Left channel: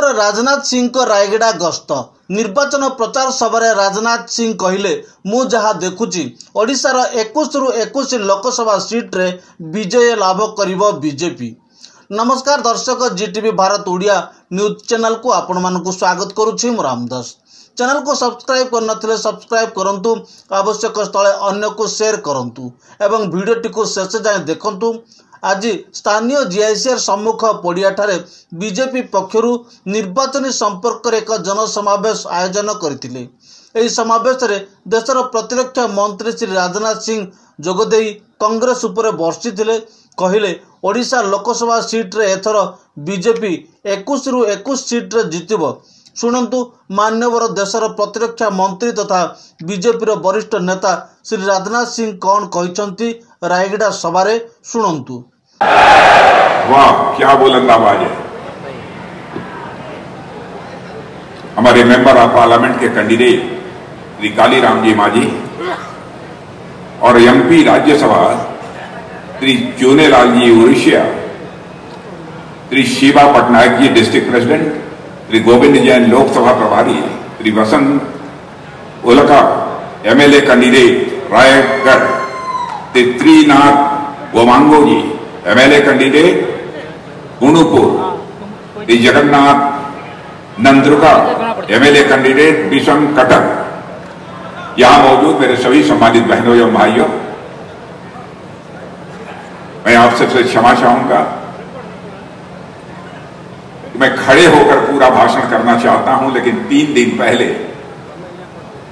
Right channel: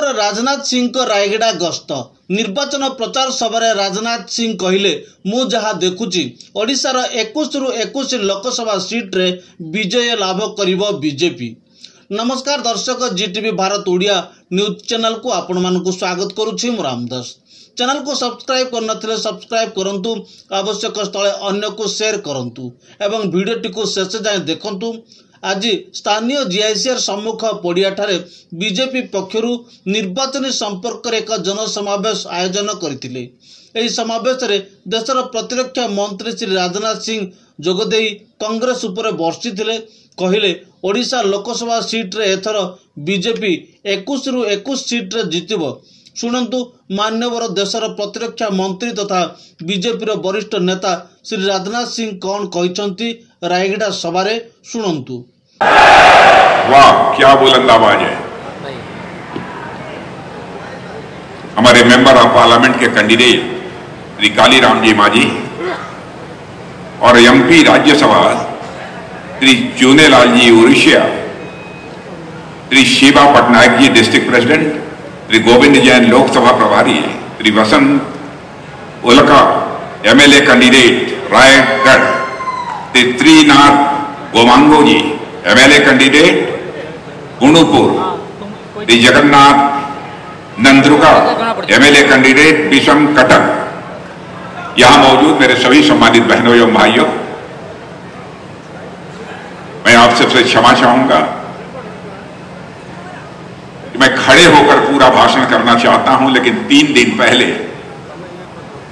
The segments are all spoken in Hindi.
खबर राजनाथ सिंह को रायगड़ा गस्त निर्वाचन प्रचार सभा राजनाथ सिंह कहले मु जहाँ देखुची ओडिशार 21 रु 21 लोकसभा सीट रे विजय लाभ करिबो बीजेपी। नमस्कार दर्शक, जीटीवी भारत ओडिया न्यूज चैनल को आपण मानकु स्वागत करुछि। मु रामदास। चैनल को सब्सक्राइब करनथिले सब्सक्राइब करंतु, आवश्यक स्थले अन्य को शेयर करंतु एवं वीडियोटी को शेष जाए देखंतु। आज स्थानीय जीआईसीआर सम्मुख पड़िया ठारे बीजेपी पक्षरु निर्वाचन संपर्क रे एक जनसमावेश आयोजन करथिले। एही समावेश रे देशर प्रतिरक्षा मंत्री श्री राजनाथ सिंह जोगदेई कांग्रेस उपर वर्षिथिले। कहले ओडिशा लोकसभा सीट रे एथर बीजेपी 21 रु 21 सीट रे जितिबो। शुणन्तु मान्यवर देशर प्रतिरक्षा मंत्री तथा बीजेपी रो वरिष्ठ नेता श्री राजनाथ सिंह कौन कहिसंती रायगड़ा सभा रे शुणन्तु। वाह, क्या बुलंदाबाज है। हमारे मेंबर ऑफ पार्लियामेंट के कैंडिडेट श्री कालीराम जी मांझी और MP Rajya Sabha Shri Chunelal ji Orissa, Shri Shiva Patnaik ji district president, Shri Govind Jain Lok Sabha प्रभारी, Shri Vasant Ulka MLA candidate Raigarh, Shri Trinath Gomango ji MLA candidate Gunupur, Shri Jagannath Nandruka MLA candidate Bissam Cuttack. यहां मौजूद मेरे सभी सम्मानित बहनों एवं भाइयों, मैं आप सबसे क्षमा चाहूंगा कि मैं खड़े होकर पूरा भाषण करना चाहता हूं, लेकिन 3 दिन पहले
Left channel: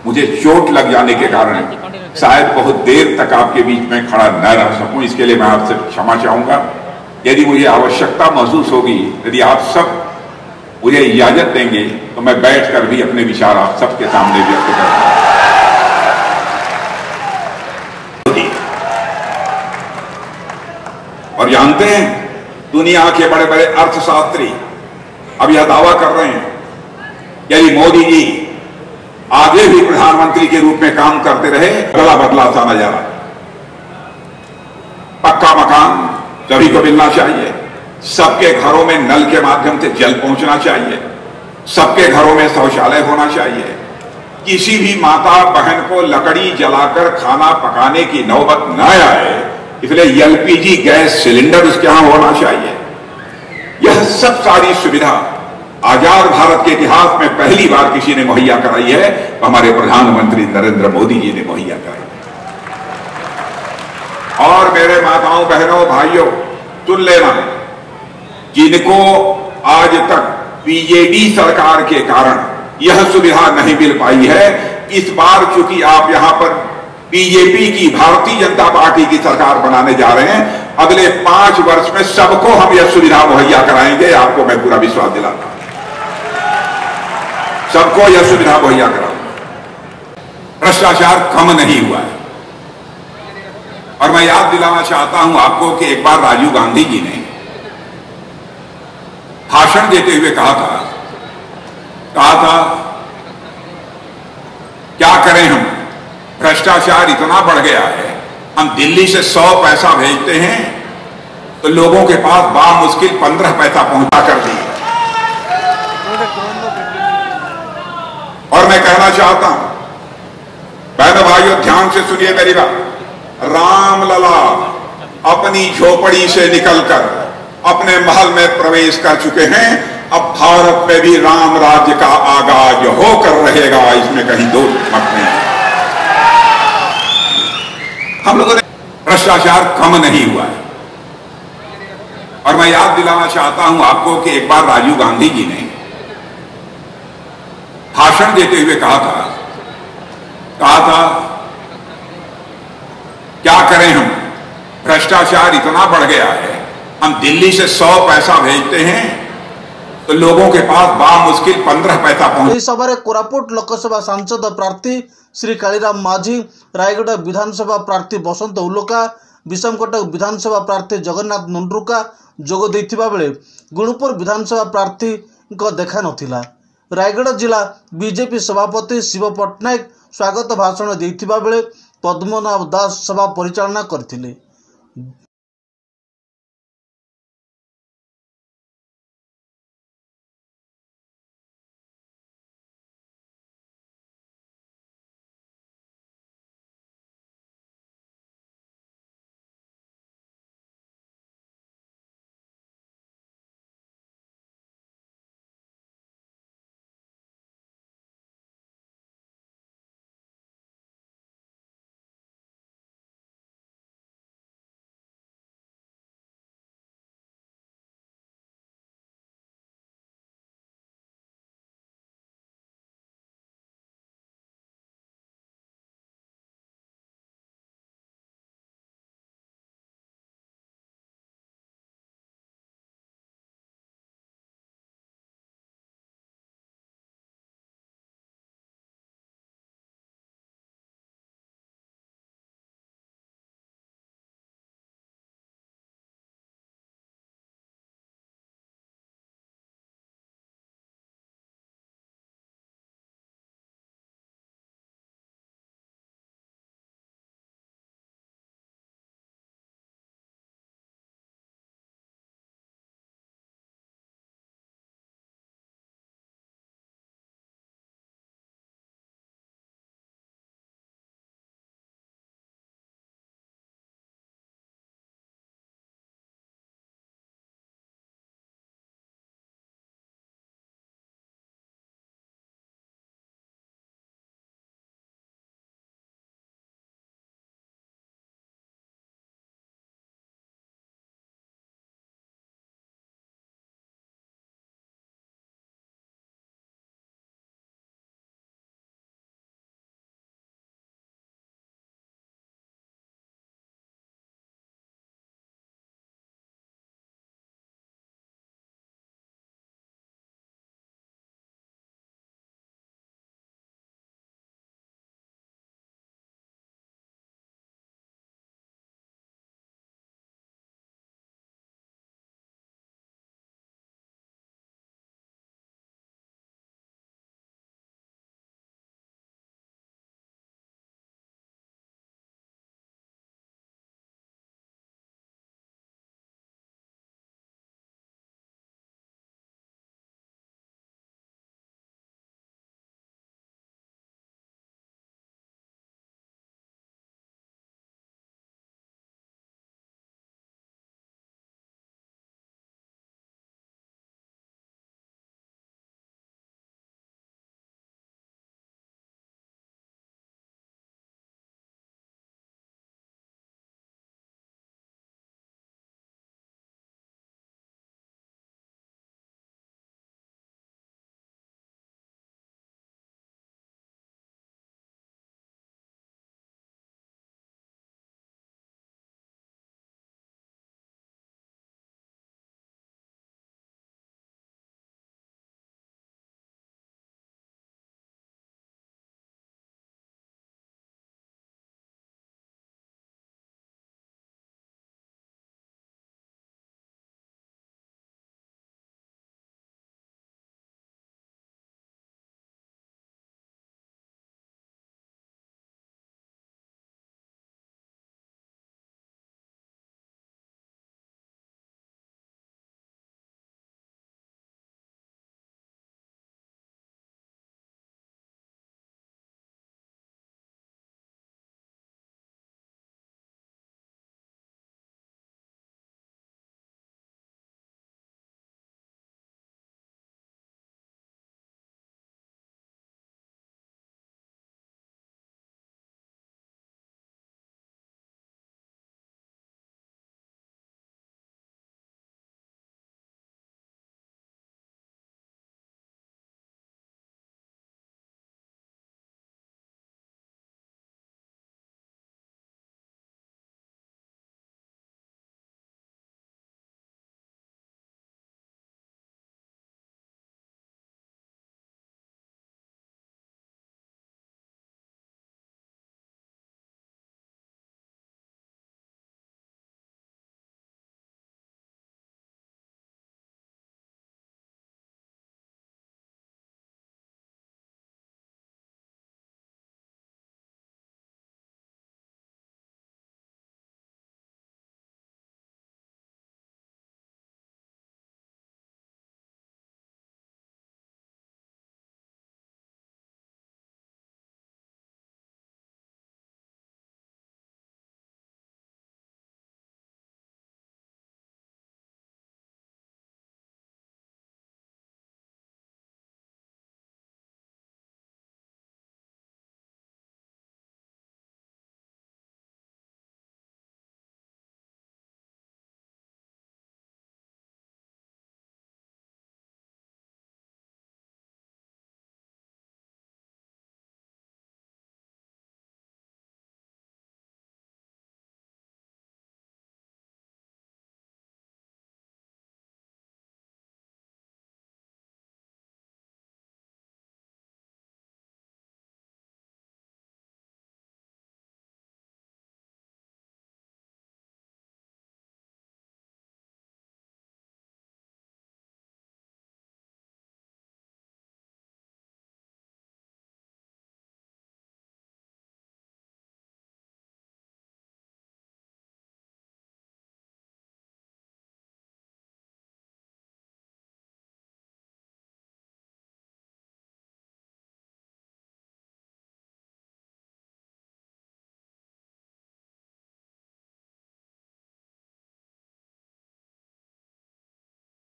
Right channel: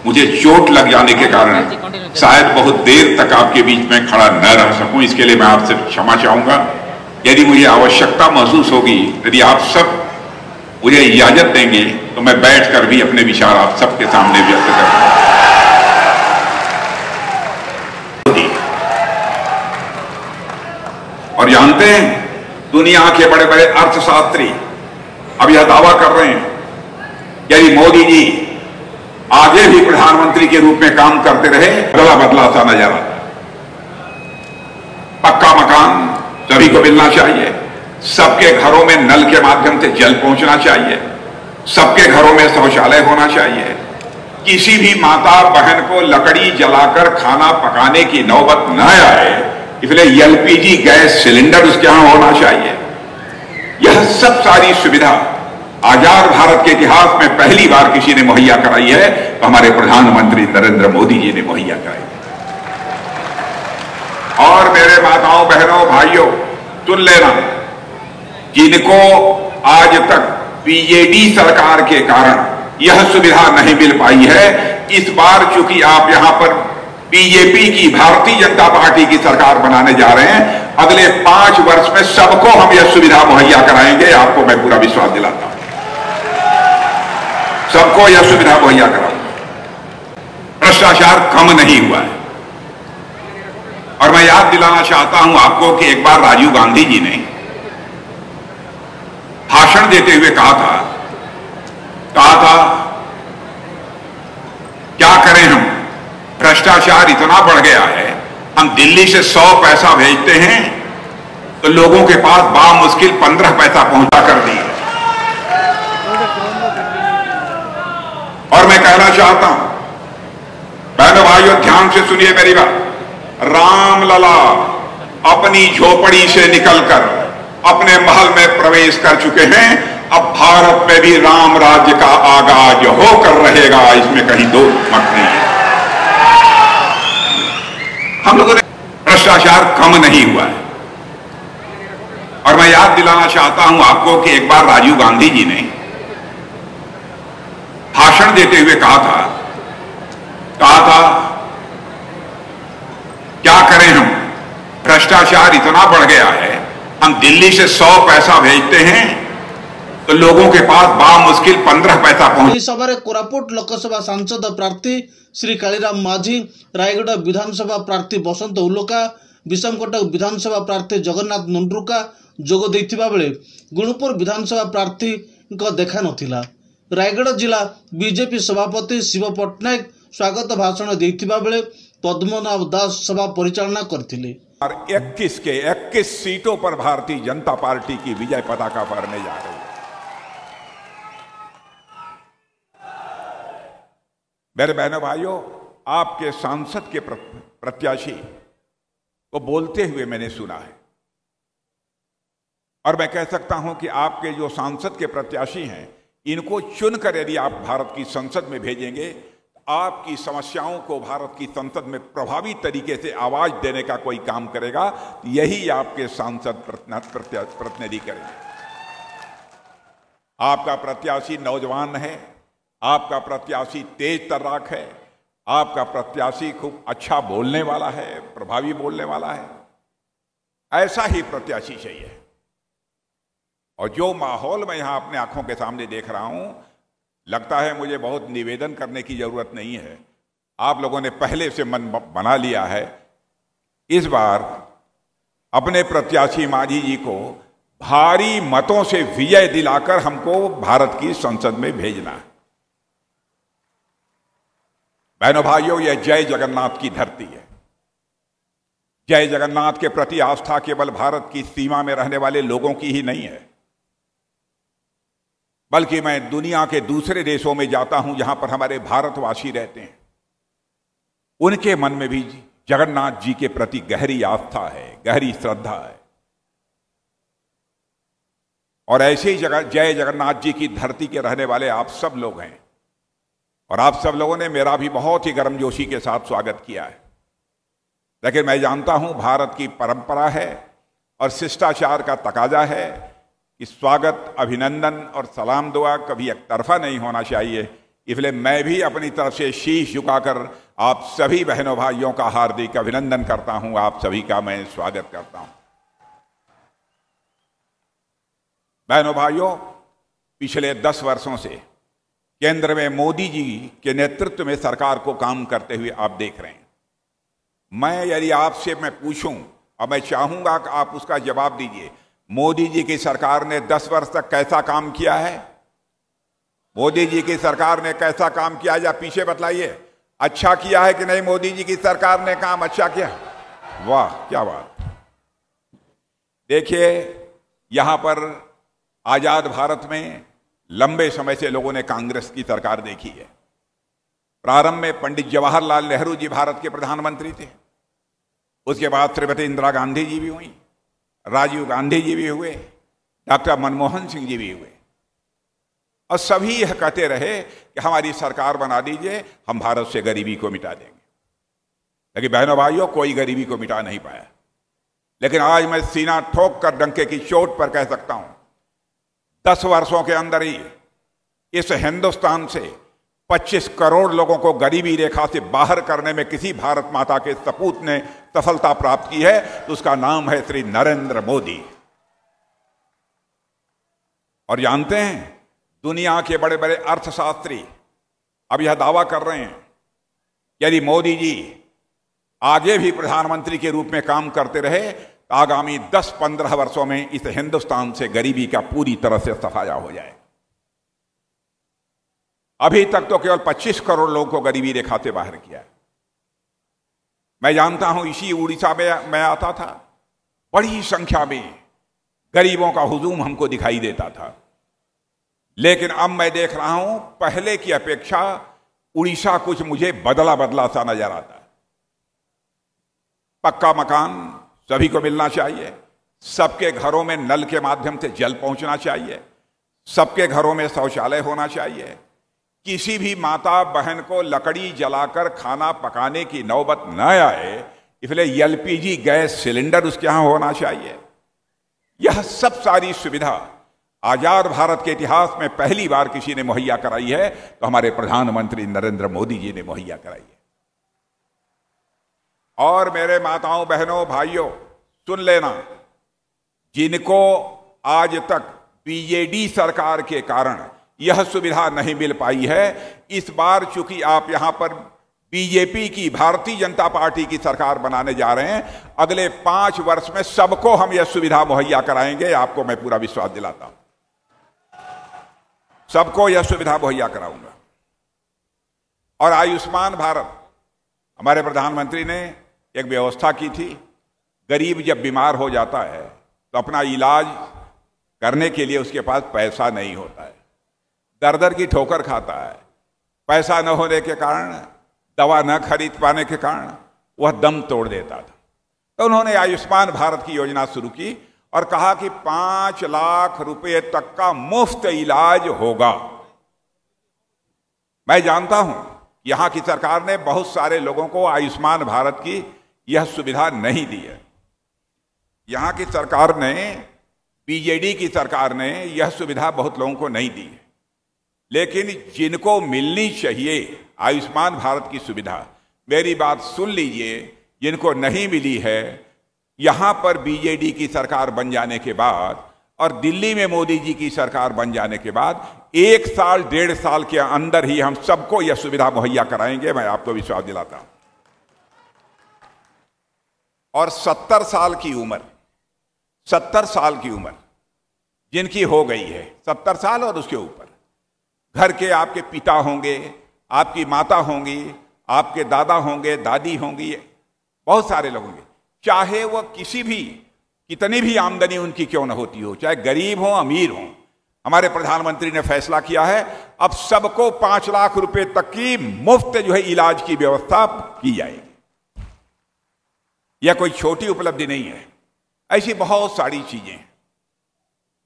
मुझे चोट लग जाने के कारण शायद बहुत देर तक आपके बीच में खड़ा न रह सकूं। इसके लिए मैं आपसे क्षमा चाहूंगा। यदि मुझे आवश्यकता महसूस होगी, यदि आप सब मुझे इजाजत देंगे, तो मैं बैठकर भी अपने विचार आप सबके सामने व्यक्त करूंगा। और जानते हैं, दुनिया के बड़े बड़े अर्थशास्त्री अब यह दावा कर रहे हैं कि यदि मोदी जी आगे भी प्रधानमंत्री के रूप में काम करते रहे, बदला बदला सा नजारा। पक्का मकान सभी को मिलना चाहिए, सबके घरों में नल के माध्यम से जल पहुंचना चाहिए, सबके घरों में शौचालय होना चाहिए, किसी भी माता बहन को लकड़ी जलाकर खाना पकाने की नौबत न आए, इसलिए एलपीजी गैस सिलेंडर उसके यहां होना चाहिए। यह सब सारी सुविधा आजाद भारत के इतिहास में पहली बार किसी ने मुहैया कराई है, तो हमारे प्रधानमंत्री नरेंद्र मोदी जी ने मुहैया कराई। और मेरे माताओं बहनों भाइयों, सुन लेना, जिनको आज तक बीजेडी सरकार के कारण यह सुविधा नहीं मिल पाई है, इस बार चूंकि आप यहां पर बीजेपी की, भारतीय जनता पार्टी की सरकार बनाने जा रहे हैं, अगले 5 वर्ष में सबको हम यह सुविधा मुहैया कराएंगे। आपको मैं पूरा विश्वास दिलाता हूं, सबको यह सुविधा मुहैया कराऊंगा। भ्रष्टाचार कम नहीं हुआ है। और मैं याद दिलाना चाहता हूं आपको कि एक बार राजीव गांधी जी ने भाषण देते हुए कहा था क्या करें हम, भ्रष्टाचार इतना बढ़ गया है, हम दिल्ली से 100 पैसा भेजते हैं तो लोगों के पास बामुश्किल 15 पैसा पहुंचा कर दिए। और मैं कहना चाहता हूं, बहनों भाइयों, ध्यान से सुनिए मेरी बात। रामलला अपनी झोपड़ी से निकलकर अपने महल में प्रवेश कर चुके हैं। अब भारत में भी राम राज्य का आगाज होकर रहेगा, इसमें कहीं दो मत नहीं है। हम लोगों ने भ्रष्टाचार कम नहीं हुआ है। और मैं याद दिलाना चाहता हूं आपको कि एक बार राजीव गांधी जी ने भाषण देते हुए कहा था क्या करें हम, भ्रष्टाचार इतना बढ़ गया है, हम दिल्ली से 100 पैसा भेजते हैं तो लोगों के पास बामुश्किल 15 पैसा पहुंच। इस सभा कोरापुट लोकसभा सांसद प्रार्थी श्री कालीराम मांझी, रायगढ़ विधानसभा प्रार्थी वसंत उल्का, विषमकटक विधानसभा प्रार्थी जगन्नाथ नंद्रुका जोग देथिबा बेले गुणुपुर विधानसभा प्रार्थी को देखा नथिला। रायगढ़ जिला बीजेपी सभापति शिव पटनायक स्वागत भाषण देथिबा बेले पद्मनाभ दास सभा परिचालना करथिले। 21 के 21 सीटों पर भारतीय जनता पार्टी की विजय पताका फहरने जा रही है। मेरे बहनों भाइयों, आपके सांसद के प्रत्याशी को बोलते हुए मैंने सुना है, और मैं कह सकता हूं कि आपके जो सांसद के प्रत्याशी हैं, इनको चुनकर यदि आप भारत की संसद में भेजेंगे, आपकी समस्याओं को भारत की संसद में प्रभावी तरीके से आवाज देने का कोई काम करेगा, यही आपके सांसद प्रतिनिधि करेंगे। आपका प्रत्याशी नौजवान है, आपका प्रत्याशी तेज तर्राक है, आपका प्रत्याशी खूब अच्छा बोलने वाला है, प्रभावी बोलने वाला है। ऐसा ही प्रत्याशी चाहिए। और जो माहौल मैं यहां अपने आंखों के सामने देख रहा हूं, लगता है मुझे बहुत निवेदन करने की जरूरत नहीं है। आप लोगों ने पहले से मन बना लिया है। इस बार अपने प्रत्याशी मांझी जी को भारी मतों से विजय दिलाकर हमको भारत की संसद में भेजना है। बहनों भाइयों, यह जय जगन्नाथ की धरती है। जय जगन्नाथ के प्रति आस्था केवल भारत की सीमा में रहने वाले लोगों की ही नहीं है, बल्कि मैं दुनिया के दूसरे देशों में जाता हूं जहां पर हमारे भारतवासी रहते हैं, उनके मन में भी जगन्नाथ जी के प्रति गहरी आस्था है, गहरी श्रद्धा है। और ऐसे ही जय जगन्नाथ जी की धरती के रहने वाले आप सब लोग हैं, और आप सब लोगों ने मेरा भी बहुत ही गर्मजोशी के साथ स्वागत किया है। लेकिन मैं जानता हूं भारत की परंपरा है और शिष्टाचार का तकाजा है कि स्वागत, अभिनंदन और सलाम दुआ कभी एक तरफा नहीं होना चाहिए। इसलिए मैं भी अपनी तरफ से शीश झुकाकर आप सभी बहनों भाइयों का हार्दिक अभिनंदन करता हूं, आप सभी का मैं स्वागत करता हूं। बहनों भाइयों, पिछले 10 वर्षों से केंद्र में मोदी जी के नेतृत्व में सरकार को काम करते हुए आप देख रहे हैं। मैं यदि आपसे मैं पूछूं, और मैं चाहूंगा कि आप उसका जवाब दीजिए, मोदी जी की सरकार ने 10 वर्ष तक कैसा काम किया है? मोदी जी की सरकार ने कैसा काम किया है, या पीछे बतलाइए, अच्छा किया है कि नहीं? मोदी जी की सरकार ने काम अच्छा किया? वाह, क्या बात। देखिए, यहां पर आजाद भारत में लंबे समय से लोगों ने कांग्रेस की सरकार देखी है। प्रारंभ में पंडित जवाहरलाल नेहरू जी भारत के प्रधानमंत्री थे, उसके बाद श्रीमती इंदिरा गांधी जी भी हुई, राजीव गांधी जी भी हुए, डॉक्टर मनमोहन सिंह जी भी हुए, और सभी यह कहते रहे कि हमारी सरकार बना दीजिए, हम भारत से गरीबी को मिटा देंगे। लेकिन बहनों भाइयों, कोई गरीबी को मिटा नहीं पाया। लेकिन आज मैं सीना ठोक कर डंके की चोट पर कह सकता हूं, 10 वर्षों के अंदर ही इस हिंदुस्तान से 25 करोड़ लोगों को गरीबी रेखा से बाहर करने में किसी भारत माता के सपूत ने सफलता प्राप्त की है, तो उसका नाम है श्री नरेंद्र मोदी। और जानते हैं, दुनिया के बड़े बड़े अर्थशास्त्री अब यह दावा कर रहे हैं, यदि मोदी जी आगे भी प्रधानमंत्री के रूप में काम करते रहे, तो आगामी 10-15 वर्षों में इस हिंदुस्तान से गरीबी का पूरी तरह से सफाया हो जाए। अभी तक तो केवल 25 करोड़ लोगों को गरीबी रेखा से बाहर किया है। मैं जानता हूं, इसी उड़ीसा में मैं आता था, बड़ी संख्या में गरीबों का हुजूम हमको दिखाई देता था। लेकिन अब मैं देख रहा हूं, पहले की अपेक्षा उड़ीसा कुछ मुझे बदला बदला सा नजर आता है। पक्का मकान सभी को मिलना चाहिए, सबके घरों में नल के माध्यम से जल पहुंचना चाहिए, सबके घरों में शौचालय होना चाहिए, किसी भी माता बहन को लकड़ी जलाकर खाना पकाने की नौबत न आए, इसलिए एलपीजी गैस सिलेंडर उसके यहां होना चाहिए। यह सब सारी सुविधा आजाद भारत के इतिहास में पहली बार किसी ने मुहैया कराई है, तो हमारे प्रधानमंत्री नरेंद्र मोदी जी ने मुहैया कराई है। और मेरे माताओं, बहनों, भाइयों, सुन लेना, जिनको आज तक बीजेडी सरकार के कारण यह सुविधा नहीं मिल पाई है, इस बार चूंकि आप यहां पर बीजेपी की, भारतीय जनता पार्टी की सरकार बनाने जा रहे हैं, अगले 5 वर्ष में सबको हम यह सुविधा मुहैया कराएंगे। आपको मैं पूरा विश्वास दिलाता हूं, सबको यह सुविधा मुहैया कराऊंगा। और आयुष्मान भारत, हमारे प्रधानमंत्री ने एक व्यवस्था की थी, गरीब जब बीमार हो जाता है तो अपना इलाज करने के लिए उसके पास पैसा नहीं होता है, दर दर की ठोकर खाता है, पैसा न होने के कारण, दवा न खरीद पाने के कारण वह दम तोड़ देता था। तो उन्होंने आयुष्मान भारत की योजना शुरू की और कहा कि 5 लाख रुपए तक का मुफ्त इलाज होगा। मैं जानता हूं यहां की सरकार ने बहुत सारे लोगों को आयुष्मान भारत की यह सुविधा नहीं दी है। यहां की सरकार ने, बीजेडी की सरकार ने यह सुविधा बहुत लोगों को नहीं दी है। लेकिन जिनको मिलनी चाहिए आयुष्मान भारत की सुविधा, मेरी बात सुन लीजिए, जिनको नहीं मिली है, यहां पर बीजेडी की सरकार बन जाने के बाद और दिल्ली में मोदी जी की सरकार बन जाने के बाद 1 साल 1.5 साल के अंदर ही हम सबको यह सुविधा मुहैया कराएंगे, मैं आपको विश्वास दिलाता हूं। और 70 साल की उम्र, 70 साल की उम्र जिनकी हो गई है, 70 साल और उसके ऊपर, घर के आपके पिता होंगे, आपकी माता होंगी, आपके दादा होंगे, दादी होंगी, बहुत सारे लोग होंगे, चाहे वह कितनी भी आमदनी उनकी क्यों न होती हो, चाहे गरीब हो अमीर हो। हमारे प्रधानमंत्री ने फैसला किया है अब सबको 5 लाख रुपए तक की मुफ्त इलाज की व्यवस्था की जाएगी। यह कोई छोटी उपलब्धि नहीं है, ऐसी बहुत सारी चीजें।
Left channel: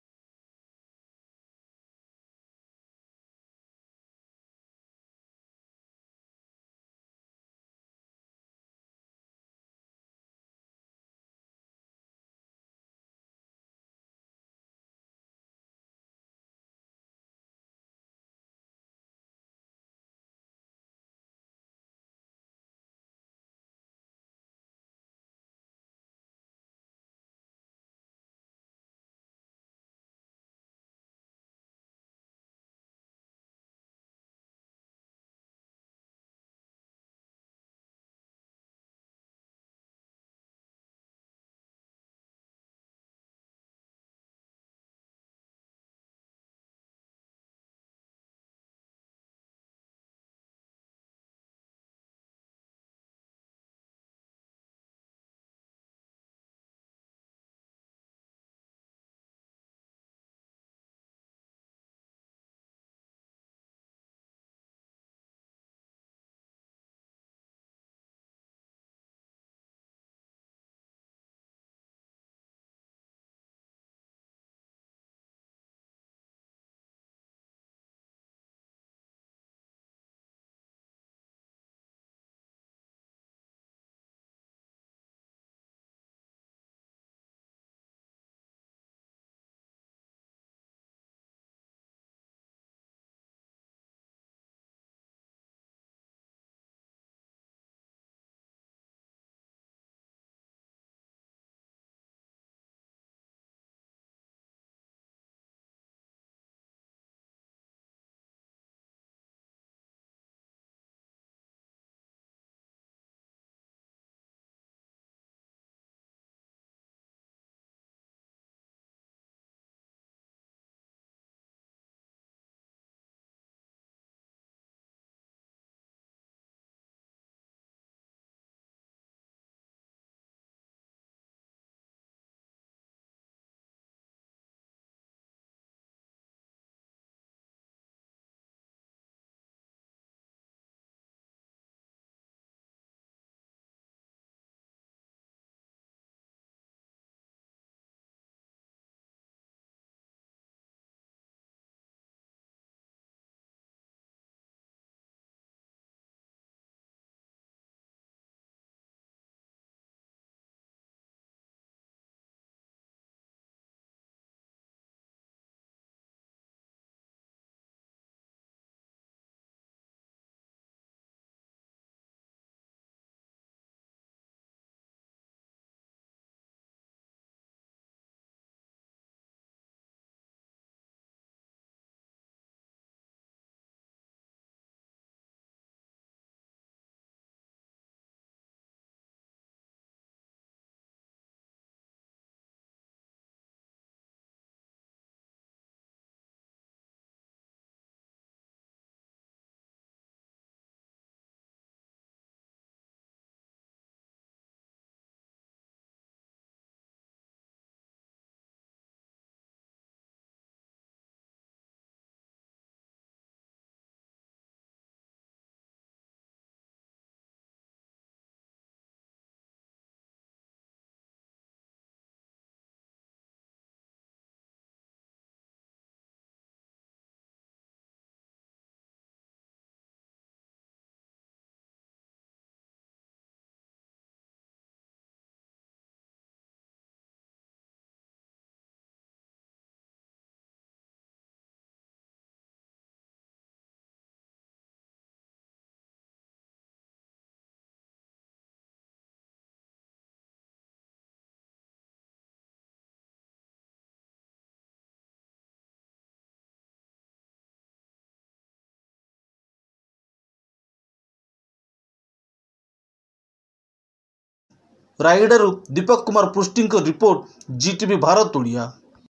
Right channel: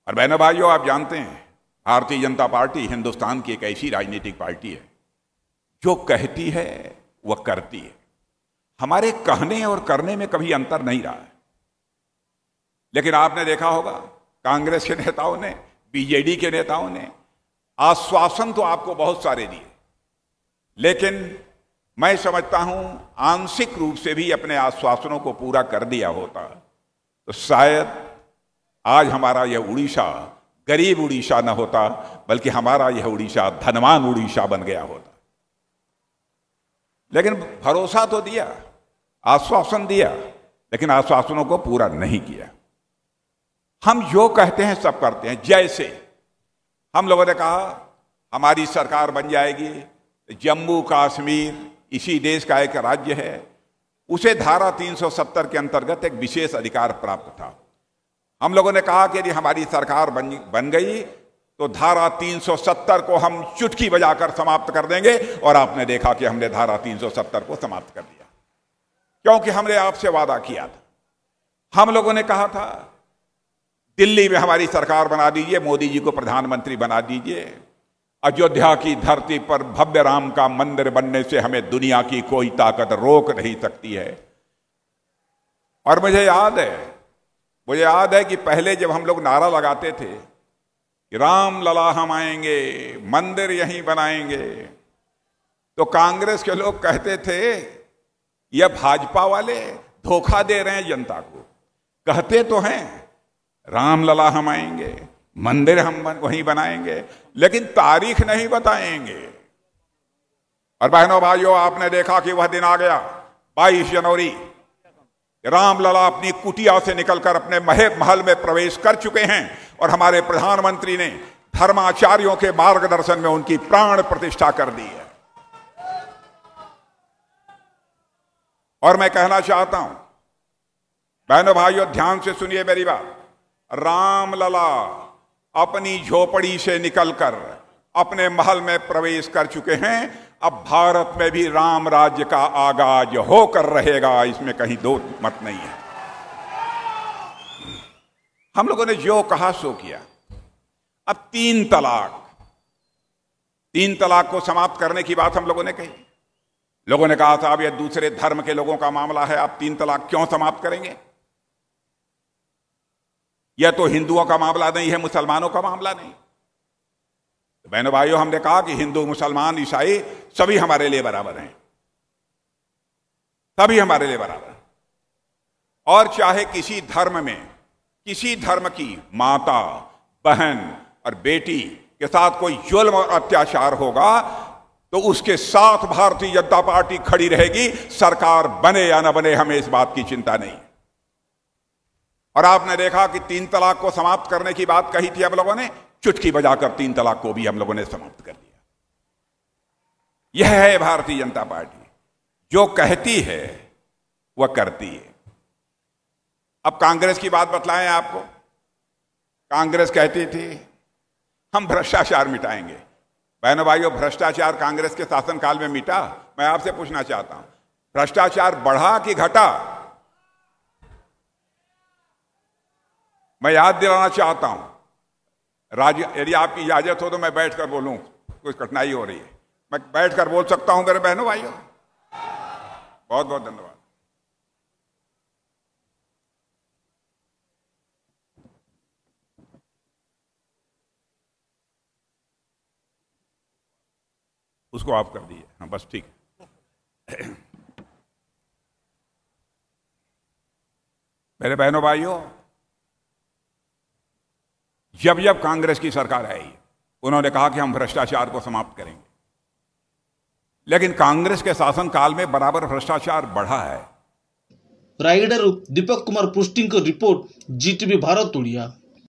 और बहनों भाइयों, आप जानते हैं भारतीय जनता पार्टी हिंदुस्तान की एक ऐसी राजनीतिक पार्टी है जो कहती है वह करती है। हमारे कहने और करने में कभी अंतर नहीं रहा है। लेकिन आपने देखा होगा कांग्रेस के नेताओं ने, बीजेडी के नेताओं ने आश्वासन तो आपको बहुत सारे दिए, लेकिन मैं समझता हूं आंशिक रूप से भी अपने आश्वासनों को पूरा कर दिया होता तो शायद आज हमारा यह उड़ीसा गरीब उड़ीसा न होता, बल्कि हमारा यह उड़ीसा धनवान उड़ीसा बन गया होता। लेकिन भरोसा तो दिया, आश्वासन दिया, लेकिन आश्वासनों को पूरा नहीं किया। हम जो कहते हैं सब करते हैं। जैसे हम लोगों ने कहा हमारी सरकार बन जाएगी, जम्मू कश्मीर इसी देश का एक राज्य है, उसे धारा 370 के अंतर्गत एक विशेष अधिकार प्राप्त था। हम लोगों ने कहा कि यदि हमारी सरकार बन गई तो धारा 370 को हम चुटकी बजाकर समाप्त कर देंगे, और आपने देखा कि हमने धारा 370 को समाप्त कर दिया, क्योंकि हमने आपसे वादा किया था। हम लोगों ने कहा था दिल्ली में हमारी सरकार बना दीजिए, मोदी जी को प्रधानमंत्री बना दीजिए, अयोध्या की धरती पर भव्य राम का मंदिर बनने से हमें दुनिया की कोई ताकत रोक नहीं सकती है। और मुझे याद है कि पहले जब हम लोग नारा लगाते थे कि राम लला हम आएंगे, मंदिर यहीं बनाएंगे, तो कांग्रेस के लोग कहते थे यह भाजपा वाले धोखा दे रहे हैं जनता को। कहते तो हैं राम लला हम आएंगे, मंदिर हम वहीं बनाएंगे, लेकिन तारीख नहीं बताएंगे। और बहनों भाइयों, आपने देखा कि वह दिन आ गया 22 जनवरी, रामलला अपनी कुटिया से निकलकर अपने महल में प्रवेश कर चुके हैं, और हमारे प्रधानमंत्री ने धर्माचार्यों के मार्गदर्शन में उनकी प्राण प्रतिष्ठा कर दी है। और मैं कहना चाहता हूं, बहनों भाइयों ध्यान से सुनिए मेरी बात, रामलला अपनी झोपड़ी से निकलकर अपने महल में प्रवेश कर चुके हैं। अब भारत में भी राम राज्य का आगाज होकर रहेगा, इसमें कहीं दो मत नहीं है। हम लोगों ने जो कहा सो किया। अब 3 तलाक को समाप्त करने की बात हम लोगों ने कही। लोगों ने कहा था अब यह दूसरे धर्म के लोगों का मामला है, आप 3 तलाक क्यों समाप्त करेंगे? यह तो हिंदुओं का मामला नहीं है, मुसलमानों का मामला नहीं। तो बहनों भाइयों, हमने कहा कि हिंदू, मुसलमान, ईसाई सभी हमारे लिए बराबर हैं, सभी हमारे लिए बराबर हैं। और चाहे किसी धर्म की माता, बहन और बेटी के साथ कोई जुल्म और अत्याचार होगा तो उसके साथ भारतीय जनता पार्टी खड़ी रहेगी, सरकार बने या न बने, हमें इस बात की चिंता नहीं। और आपने देखा कि 3 तलाक को समाप्त करने की बात कही थी, हम लोगों ने चुटकी बजाकर 3 तलाक को भी हम लोगों ने समाप्त कर दिया। यह है भारतीय जनता पार्टी, जो कहती है वह करती है। अब कांग्रेस की बात बतलाएं आपको। कांग्रेस कहती थी हम भ्रष्टाचार मिटाएंगे, बहनों भाइयों, भ्रष्टाचार कांग्रेस के शासनकाल में मिटा? मैं आपसे पूछना चाहता हूं, भ्रष्टाचार बढ़ा कि घटा? मैं याद दिलाना चाहता हूं, यदि आपकी इजाजत हो तो मैं बैठकर बोलूं, कुछ कठिनाई हो रही है। मैं बैठकर बोल सकता हूं मेरे बहनों भाइयों? बहुत बहुत धन्यवाद। उसको आप कर दीजिए। हाँ, बस ठीक है। मेरे बहनों भाइयों, जब जब कांग्रेस की सरकार आई, उन्होंने कहा कि हम भ्रष्टाचार को समाप्त करेंगे, लेकिन कांग्रेस के शासनकाल में बराबर भ्रष्टाचार बढ़ा है। रायगढ़ दीपक कुमार पृष्टि रिपोर्ट, जीटीवी भारत ओडिया।